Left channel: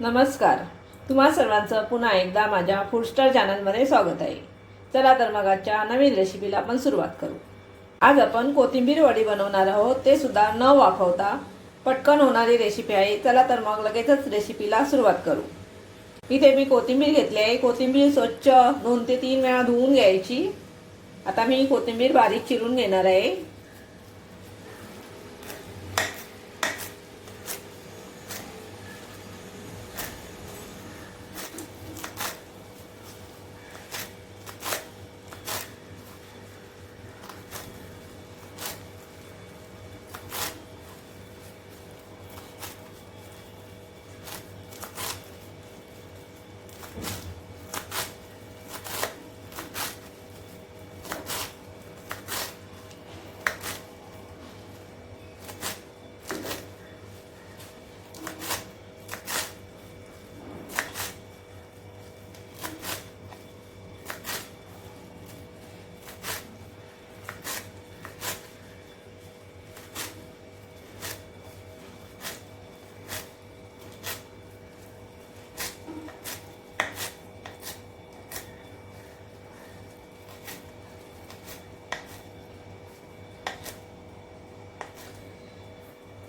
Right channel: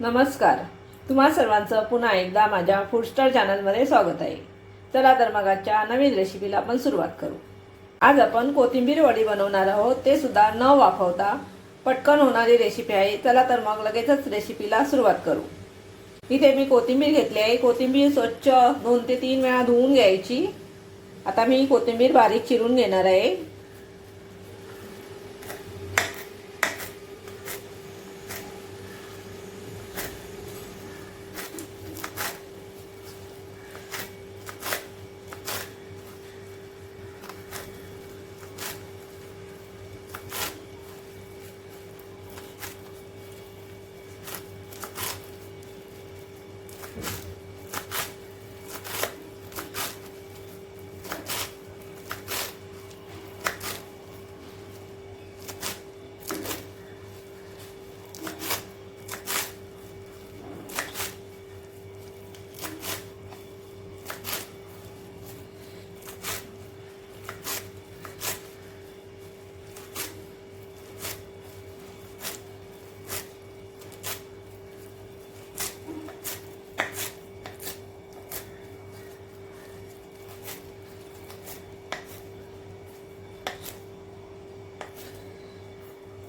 नमस्कार. तुम्हा सर्वांचं पुन्हा एकदा माझ्या फूड स्टार चॅनलमध्ये स्वागत आहे. चला तर मग आजच्या नवीन रेसिपीला आपण सुरुवात करू. आज आपण कोथिंबीर वडी बनवणार आहोत, ते सुद्धा न वाफवता पटकन होणारी रेसिपी आहे. चला तर मग लगेचच रेसिपीला सुरुवात करू. इथे मी कोथिंबीर घेतली आहे. कोथिंबीर स्वच्छ 2 ते 3 वेळा धुवून घ्यायची. आता मी कोथिंबीर बारीक चिरून घेणार आहे.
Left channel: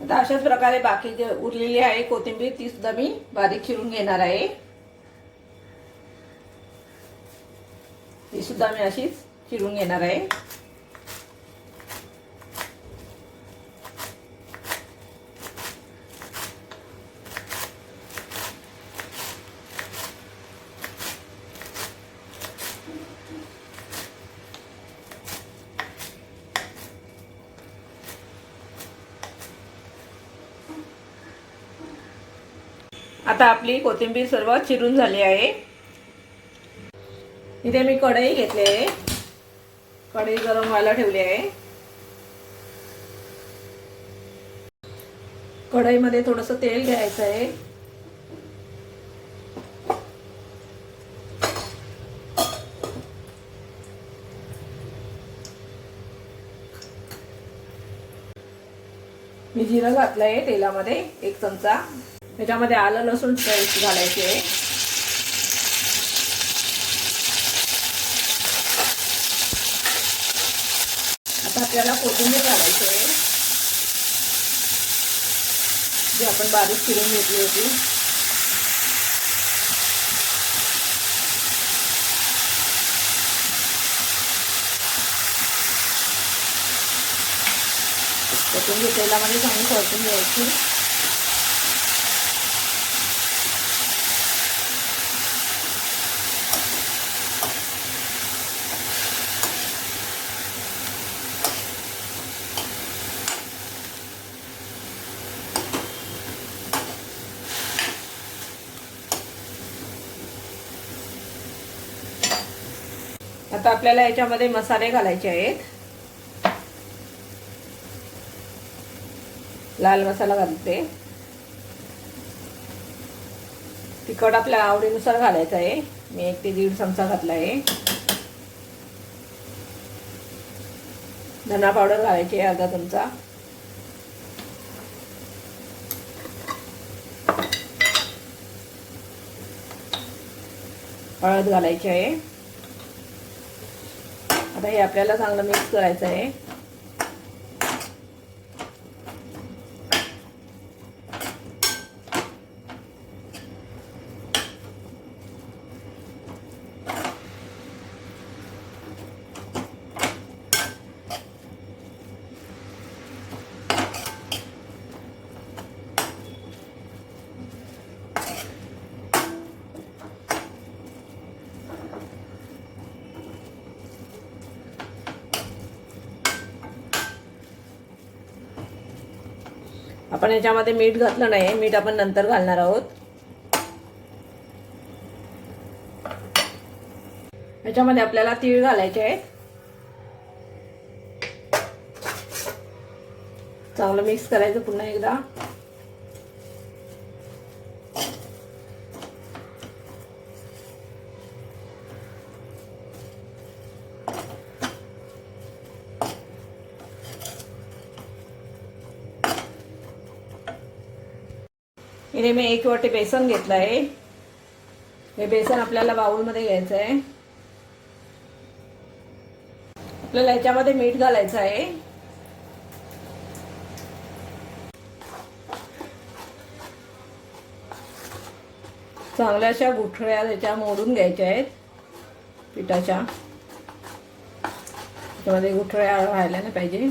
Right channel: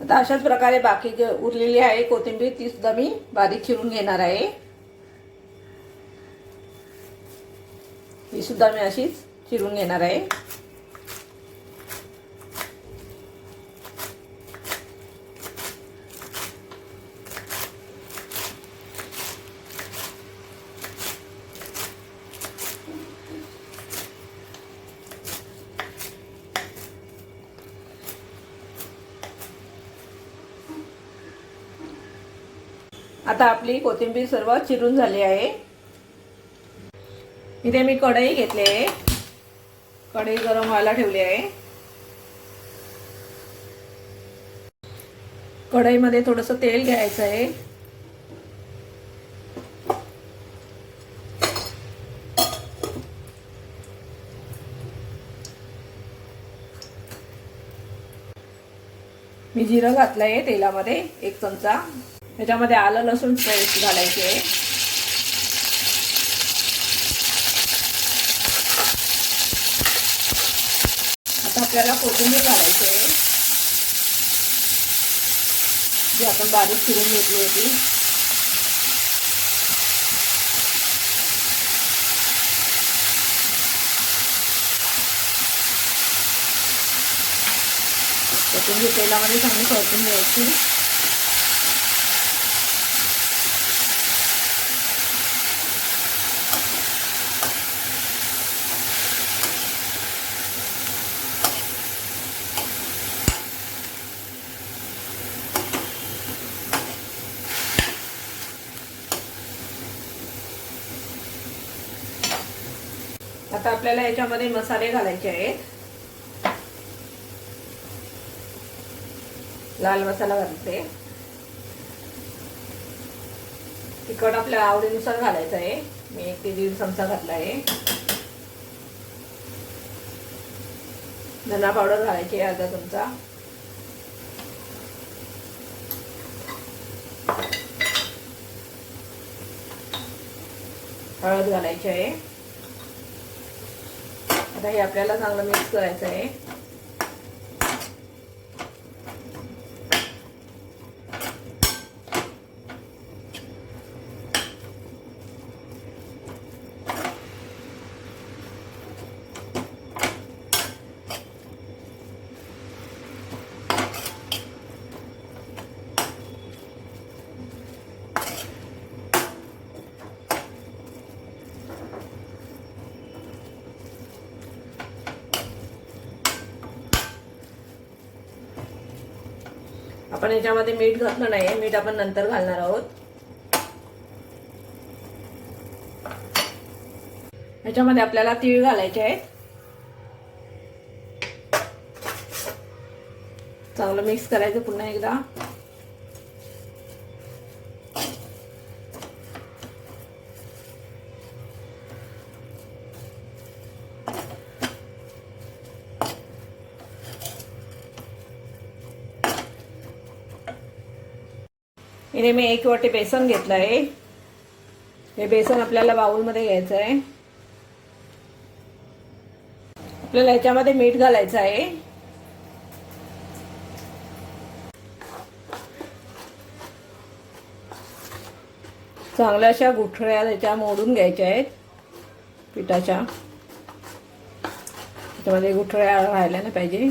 आता अशाच प्रकारे बाकी जे उरलेली आहे कोथिंबीर ती सुद्धा मी बारीक चिरून घेणार आहे. ही सुद्धा मी अशीच चिरून घेणार आहे. आता आपली कोथिंबीर सर्व चिरून झाली आहे. इथे मी कढई घेतली आहे. कढई गरम व्हायला ठेवली आहे. कढईमध्ये थोडंसं तेल घ्यायचं आहे. मी जिरं घातलं आहे तेलामध्ये 1 चमचा. त्याच्यामध्ये आलं लसूण पेस्ट घालायची आहे. आता आपल्याला कोथिंबीर घालायची आहे, जी आपण बारीक चिरून घेतली होती. कोथिंबीर तेलामध्ये चांगली परतून घ्यायची. आता आपल्याला याच्यामध्ये मसाले घालायचे आहेत. लाल मसाला घालते. तिखट आपल्या आवडीनुसार घालायचं आहे. मी 1 ते 1.5 चमचा घातला आहे. धना पावडर घालायची आहे अर्धा चमचा. हळद घालायची आहे. आता हे आपल्याला चांगलं मिक्स करायचं आहे. आपण याच्यामध्ये मीठ घातलं नाही. मीठ आपण नंतर घालणार आहोत. याच्यामध्ये आपल्याला तीळ घालायचे आहेत. चांगलं मिक्स करायचं पुन्हा एकदा. इथे मी 1 वाटी बेसन घेतलं आहे. हे बेसन आपल्याला बाउलमध्ये घ्यायचं आहे. आपल्याला याच्यामध्ये मीठ घालायचं आहे. चांगल्या अशा गुठळ्या त्याच्या मोडून घ्यायच्या आहेत पिठाच्या. त्याच्यामध्ये गुठळ्या राहायला नाही पाहिजे.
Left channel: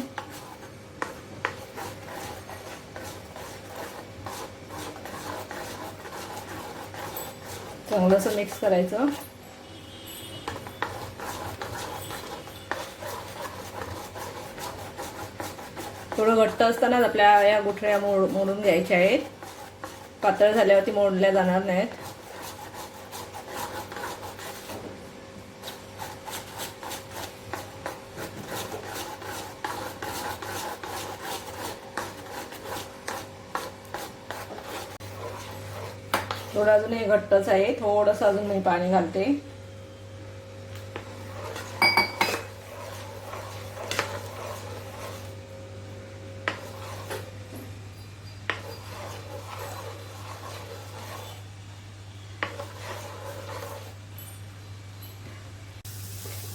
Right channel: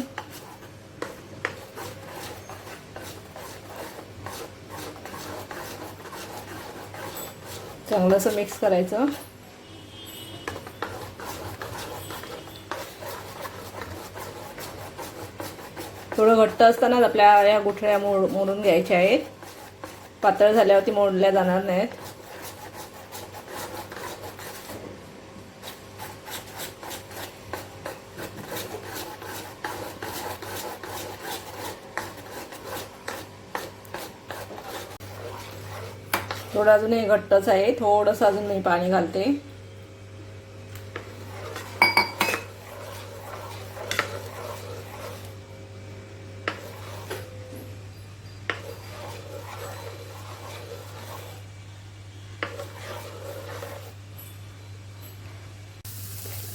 चांगलं असं मिक्स करायचं. थोडं घट्ट असतानाच आपल्या या गुठळ्या मोडून घ्यायच्या आहेत. पातळ झाल्यावरती मोडल्या जाणार नाहीत. थोडं अजूनही घट्टच आहे. थोडंसं अजून मी पाणी घालते.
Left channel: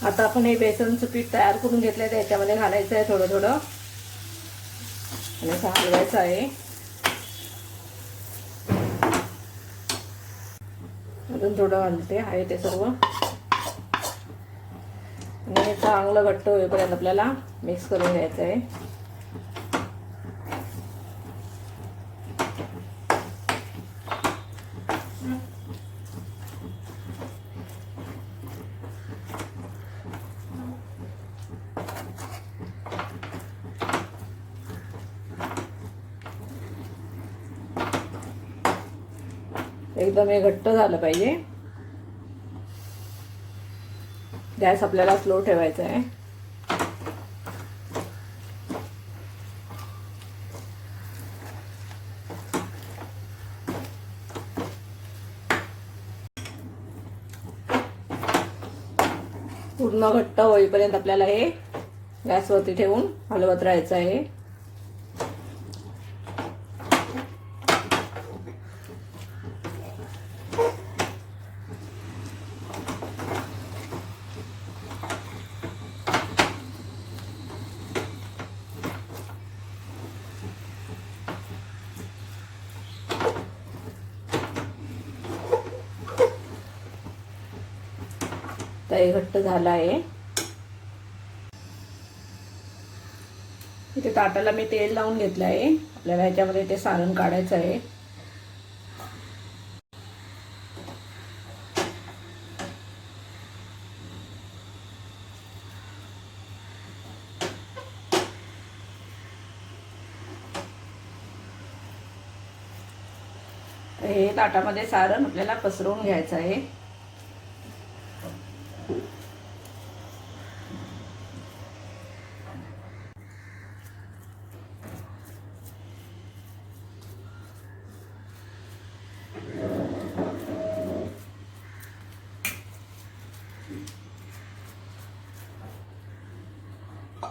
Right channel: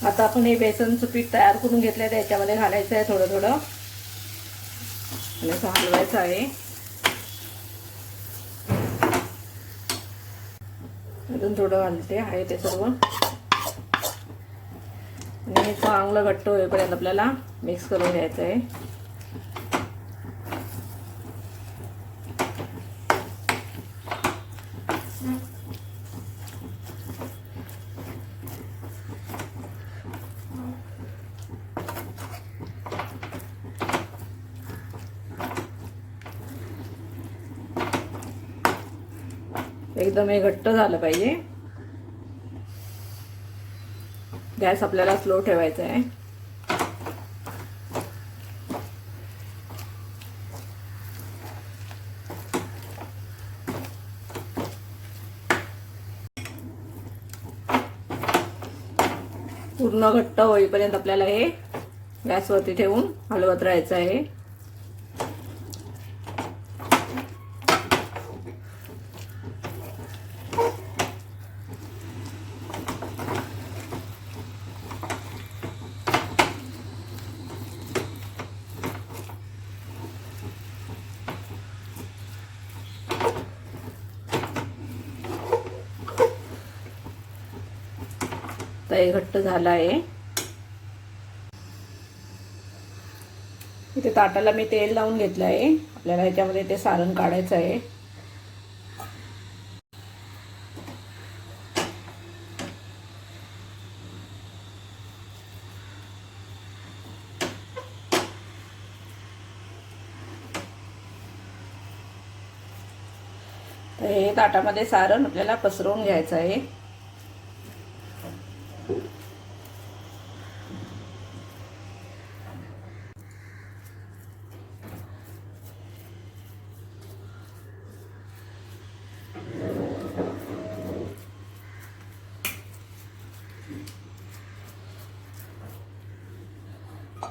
आता आपण हे बेसनचं पीठ तयार करून घेतलंय त्याच्यामध्ये घालायचं आहे थोडं थोडं आणि हलवायचं आहे. अजून थोडं घालते आहे ते सर्व आणि चांगलं घट्ट होईपर्यंत आपल्याला मिक्स करून घ्यायचं आहे. एकदम हे घट्ट झालं पाहिजे. गॅस आपल्याला स्लो ठेवायचा आहे. पूर्ण घट्ट होईपर्यंत आपल्याला हे गॅसवरती ठेवून हलवत राहायचं आहे. हे घट्ट झालं आहे. इथे ताटाला मी तेल लावून घेतलं आहे. आपल्याला ह्याच्यामध्ये ते सारण काढायचं आहे. तर हे ताटामध्ये सारण आपल्याला पसरवून घ्यायचं आहे.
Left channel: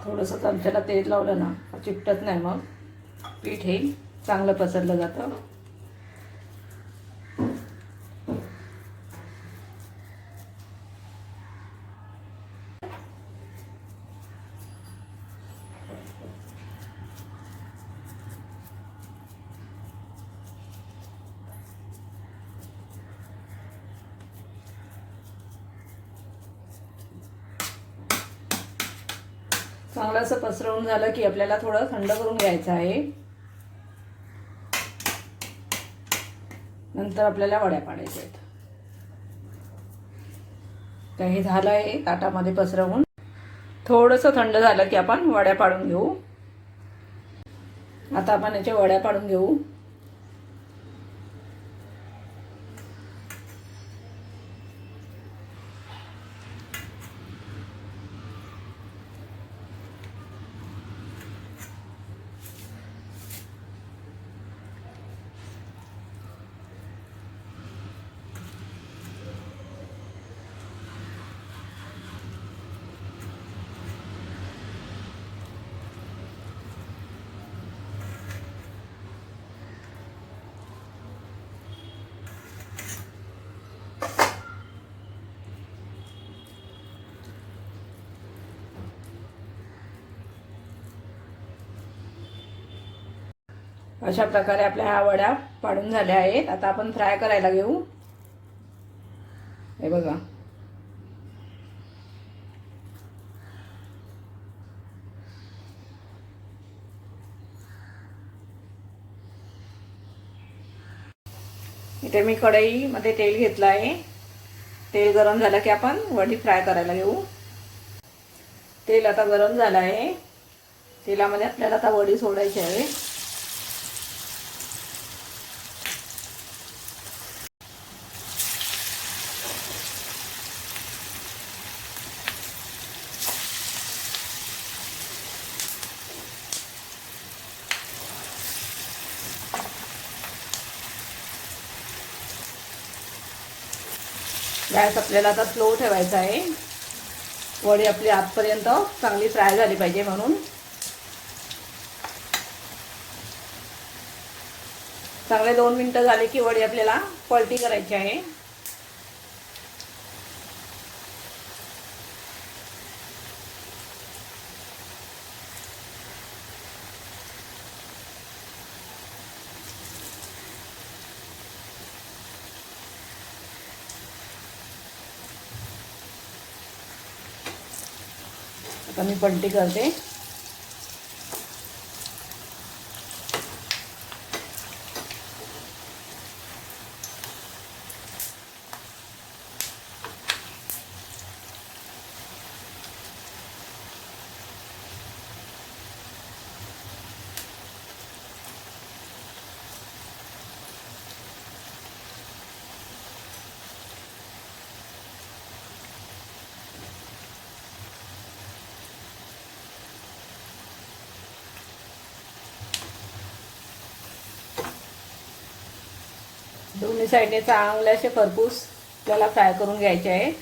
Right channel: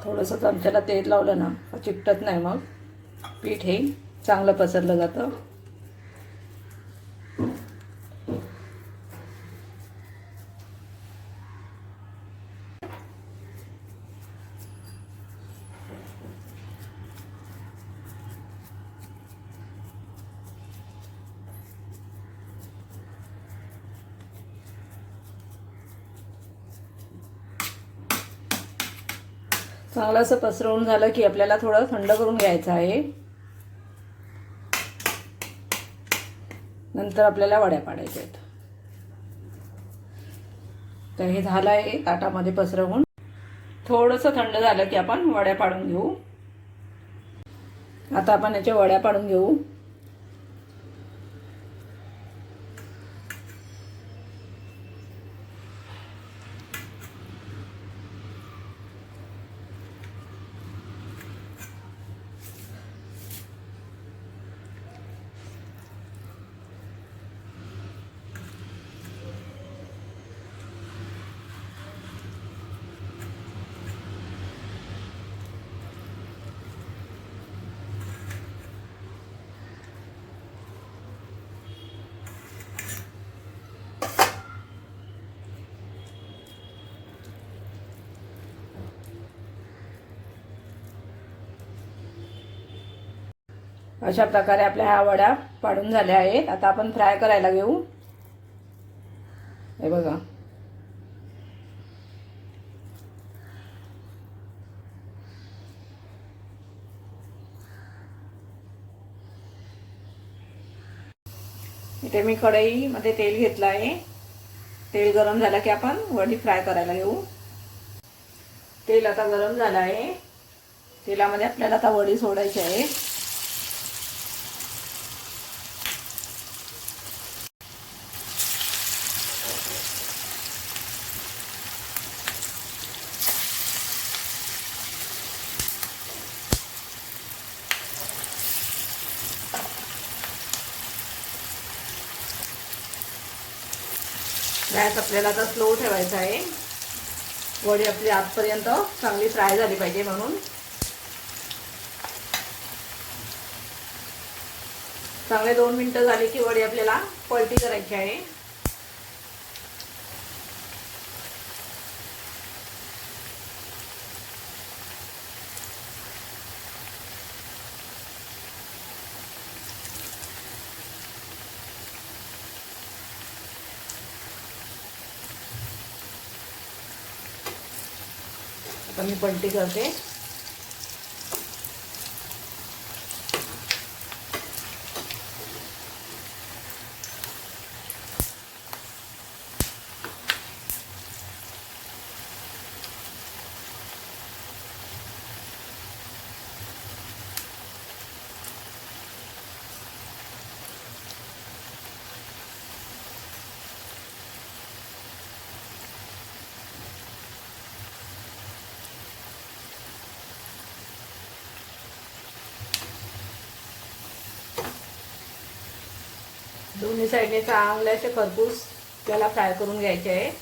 थोडंसं चमच्याला तेल लावलं ना चिकटत नाही. मग पीठ हे चांगलं पसरलं जातं. चांगलं असं पसरवून झालं की आपल्याला थोडं थंड करून घ्यायचं आहे. नंतर आपल्याला वड्या पाडायच्या आहेत. तर हे झालं आहे ताटामध्ये पसरवून. थोडंसं थंड झालं की आपण वड्या पाडून घेऊ. आता आपण याच्या वड्या पाडून घेऊ. अशा प्रकारे आपल्या ह्या वड्या पाडून झाल्या आहेत. आता आपण फ्राय करायला घेऊ. हे बघा, इथे मी कढईमध्ये तेल घेतलं आहे. तेल गरम झालं की आपण वडी फ्राय करायला घेऊ. तेल आता गरम झालं आहे. तेलामध्ये आपल्याला आता वडी सोडायची आहे. गॅस आपल्याला आता स्लो ठेवायचा आहे. वडी आपली आतपर्यंत चांगली फ्राय झाली पाहिजे म्हणून. चांगले 2 मिनिटं झाले की वडी आपल्याला पलटी करायची आहे. आता मी पलटी करते. दोन्ही साईडने चांगले असे खरपूस आपल्याला फ्राय करून घ्यायचे आहे.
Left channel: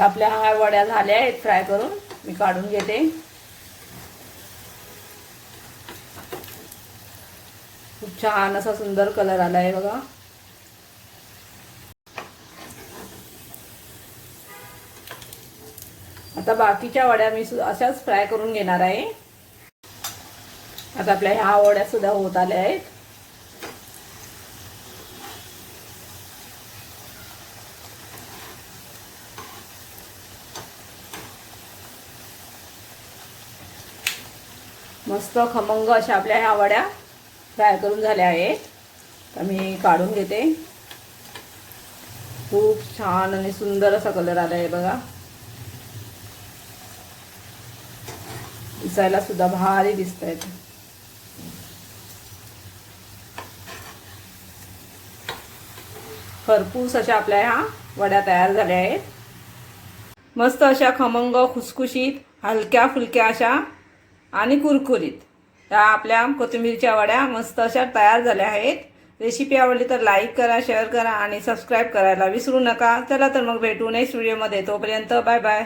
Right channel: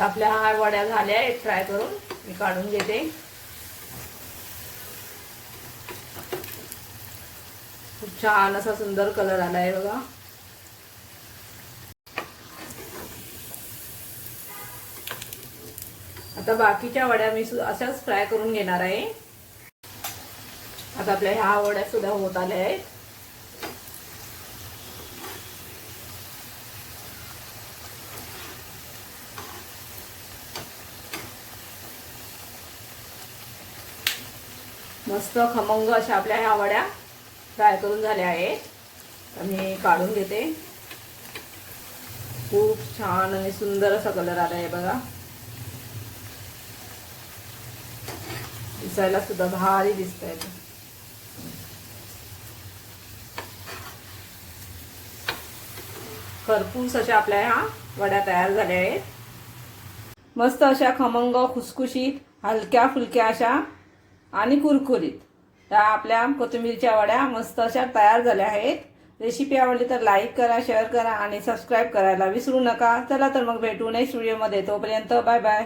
आपल्या हा वड्या झाल्या आहेत फ्राय करून. मी काढून घेते. खूप छान असा सुंदर कलर आला आहे बघा. आता बाकीच्या वड्या मी अशाच फ्राय करून घेणार आहे. आता आपल्या ह्या वड्या सुद्धा होत आल्या आहेत. मस्त खमंग अशा आपल्या ह्या वड्या फ्राय करून झाल्या आहेत. तर मी काढून घेते. खूप छान आणि सुंदर असा कलर आला आहे बघा. दिसायला सुद्धा भारी दिसतायत. खरपूस अशा आपल्या ह्या वड्या तयार झाल्या आहेत. मस्त अशा खमंग, खुसखुशीत, हलक्या फुलक्या अशा आणि कुरकुरीत त्या आपल्या कोथिंबीरच्या वड्या मस्त अशा तयार झाल्या आहेत. रेसिपी आवडली तर लाईक करा, शेअर करा आणि सबस्क्राईब करायला विसरू नका. चला तर मग भेटू नेक्स्ट व्हिडिओमध्ये. तोपर्यंत बाय बाय.